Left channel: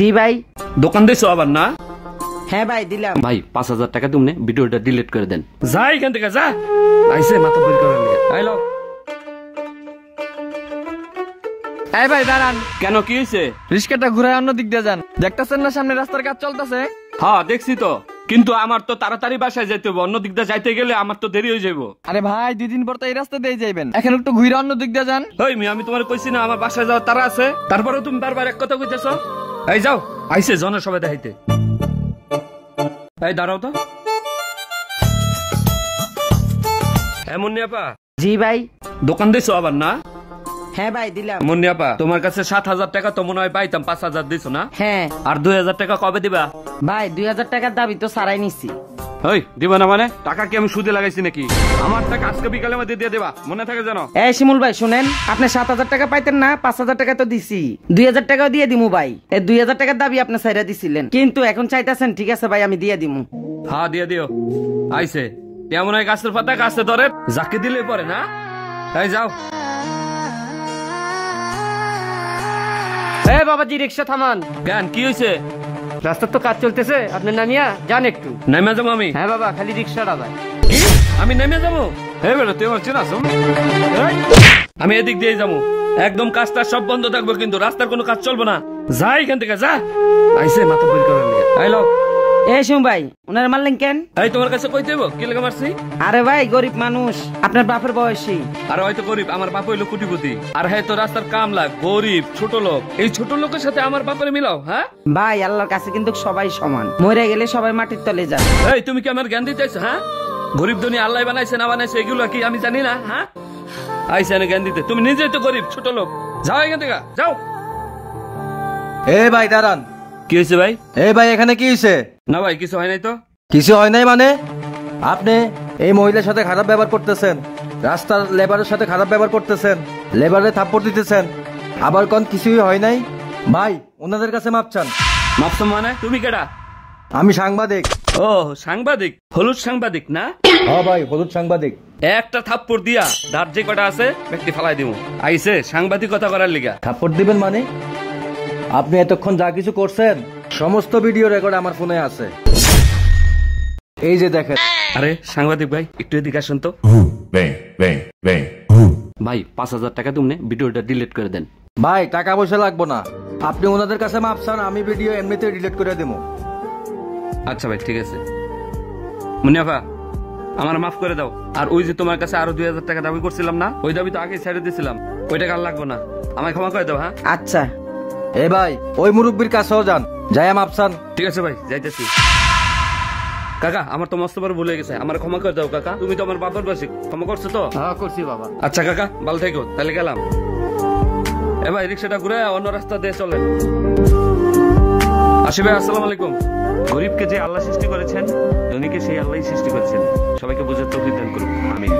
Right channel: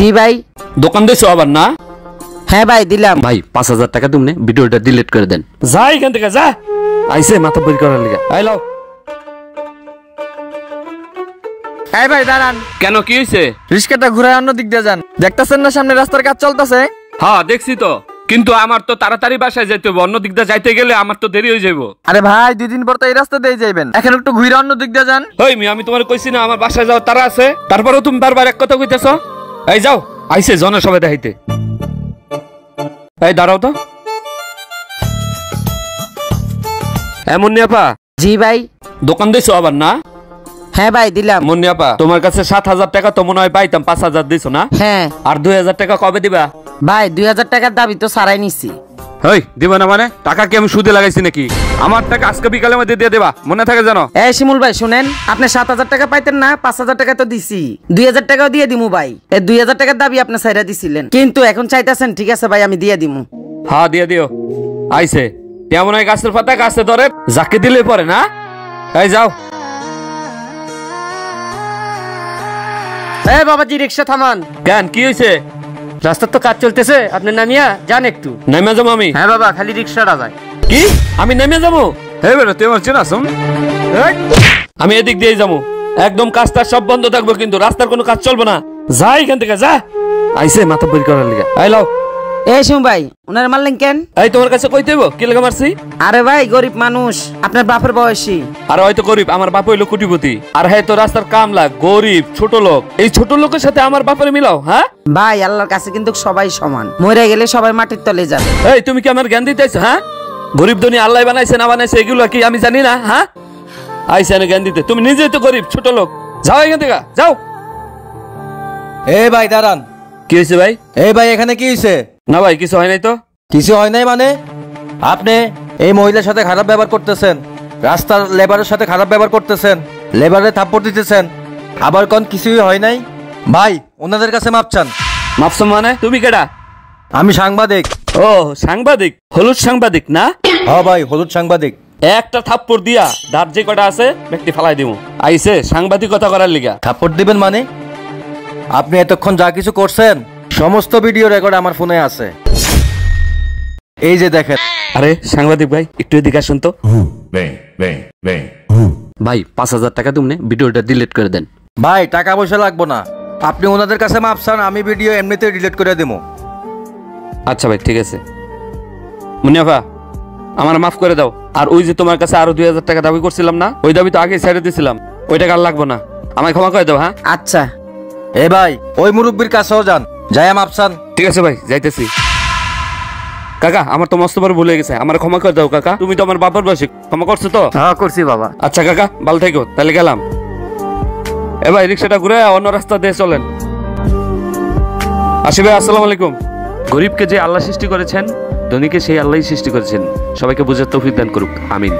জি ভাই। দোকান দিয়েছো আবার না? হ্যাঁ ভাই দিলাম। ভাই 5000 টাকা তুমি ভিডিওটা ডিলিট করে দেন। যা এখান থেকে যা। আইসে মাথা বের করার লিগা। আই লাও। এই ভাই দাঁড়ান। কেন কি হইছে? রিস্কাটা ঘুরে অন্য দিক দিয়ে যান। দেখতাছেন না সামনে রাস্তার কাজ চলতেছে? হ্যাঁ দেখছি তো, কিন্তু আমার তো তাড়াতাড়ি বাসায় যাইতে হবে, অন্য দিক দিয়ে যাইতে গেলে আমার তো দেরি হয়ে যাবো। আরে ভাই 2 দিন পর তো এই রাস্তা দিয়ে যাবেন, এখন একটু ঘুরে অন্য দিক দিয়ে যান। ওই আমি তোমার কইছি না আমার বাসায় যাওয়ার তারা আছে, তারপরেও তুমি বারবার এক কথা কইতেছো। এই যাও, আইসে জনসভা দেখাইতে। এই দাঁড়াও তো। এমন নিয়াপা। জি ভাই। দোকান দিয়েছো আবার না? হ্যাঁ ভাই দিলাম। মুন্নিয়াপা তোমার কাছে 7000 টাকা তো মনে হয় পাইতাম, 5000 দিছো না? হ্যাঁ। আর 2000 টাকা কবে দিবা? ভাই 2000 টাকার দাবি তো সারাই নিছি। এই দিবা না মানে? টাকা কি আমি সুদে লাগাইছি নাকি? আমার টাকা আজকে বিকালের মধ্যে দিয়ে দেবা, মনে থাকে জানো? এই শিমুল ভাই শুনেন, আপনি 7000 টাকা পাইতেন না, 5000 টাকা তো দিছি, 2000 টাকাও দিয়ে দিমু ভাই। এই 2000 টাকার দাবি আপনি সাইরা দিছিলেন, কিন্তু এখন চাইতেছেন, ঠিক আছে ভাই আমি দিয়ে দিমু। হ্যাঁ দিয়ে দিও। আইসে তেমন হয় গাছের পাতা গাছে ধরে, যাকে দিলে পরে না। এই যাও। এই বাবাজি রিকশা থামান। কেন কি হয়েছে? রাস্তার তো কাজ চলতেছে, আপনি নামিয়া যান একটু। নেমে যাবো আমি? হ্যাঁ বাবা, খালি রিকশাটা যায়। কি আমি নেমে যাবো? হ্যাঁ বেরো, তুই আমার চেনা আসুন। আমি এদিক দিয়ে যাবো, একদম কাজটা সব বন্ধ থাকবো, কিন্তু রাস্তার কোনো কাজ চলবে না। যা এখান থেকে যা। আইসে মাথা বের করার লিগে। আই লাও। এই শিমুল ভাই উনার মারলেন কেন? এই তোমার কাছে কইতে হইব কি লাগা মারছি? আরে ভাই গরিব মানুষ, আপনার বাপের বয়সী। আর হয়তো গরিব, আমার বাপ হইলো কোটিপতি। আর হ্যাঁ তো রাস্তার কামলা, গরিব ছোট লোক। এই ছোট লোকের সাথে আমার বাপের মিলাও? হ্যাঁ ভাই আল্লাহর কাছে কিন্তু সবাই সমান, মরে গেলে সবাই মাটির তলে যাবে। এই তুমি কি আমার জ্ঞান দিতেছো? হ্যাঁ গরিব দুনিয়া আল্লাহ বানাইছে না বানাইছে এগুলো কি আমি জানি না? হ্যাঁ আইসে না জ্ঞান দিতে, তুমি নিজেই তো গরিব ছোট লোক। যাও এখান থেকে যাও। এই ভাই দাঁড়ান। কি হয়েছে ভাই? এই ভাই এখানে কি হয়েছে? না ভাই কিছু হয় নাই তো। কিছু হয় নাই মানে? আপনি এই মহিলার সাথে খারাপ ব্যবহার করতেছেন, রাস্তার লেবারের সাথে খারাপ ব্যবহার করতেছেন, লেবারে থাপ্পড় দিতেছেন, আবার কোন কিছুই হয় নাই। ভাই ওনাদের কাছে মাপ চান। মাপছো মানে? তুমি কেডা? আমি সাংবাদিক। ও সাংবাদিক, হলুদ সাংবাদিক না? হ্যাঁ ভাই হলুদ সাংবাদিক। একটা থাপ্পড় দিয়া দাঁত যে কটা আছে ব্যক্তি ফালাই দিব। আইসে সাংবাদিকতা করার লিগা। থাপ্পড় দিবেন মানে? আপনি এতক্ষণ যা কিছু করছেন সমস্ত ভিডিও রেকর্ড আমার ফোনে আছে, এই যে দেখেন। আরে সাংবাদিক ভাই একটু এদিকে আসুন তো। ভাই 5000 টাকা তুমি ভিডিওটা ডিলিট করে দেন। ভাই টাকা পয়সা লাগবো না, আপনি ওনাদের কাছে মাপ চান, আমি ভিডিও এমনিতে ডিলিট করে দেবো। আচ্ছা ভাই ঠিক আছে। মুনিয়াফা আমার মাফ করে দাও। আর ওই যে তোমার কাছে আরো 2000 টাকা দাবি করছিলাম না, ওই দাবি তো আগে ছেড়ে দিয়েছিলাম, ওই টাকা আর লাগবো না, আমায় ক্ষমা করে দাও। হ্যাঁ আচ্ছা। এ ভাই ওই মুরব্বীর কাছেও যান, যাই মাপ চান। ঠিক আছে ভাই যাইতেছি। কাকা আমার তো মস্ত বড় ভুলে গেছে, আমার ক্ষমা করে দাও কাকা। তুমি তো আমার বাবার বয়সী, ক্ষমা করছো তো? হ্যাঁ করছি বাবা। আচ্ছা কাকা ভালো থেকো, তাহলে গেলাম। এ ভাই রিক্সাটা ঘুরে অন্য রাস্তা দিয়ে চলেন। আসি ভাই, আসসালামু আলাইকুম। গরিবকে যে আল্লাহ সৃষ্টি করেছেন, ধনীকে সেই আল্লাহই সৃষ্টি করেছেন। সবাইকে বুঝার তৌফিক দান করুক, আমিন।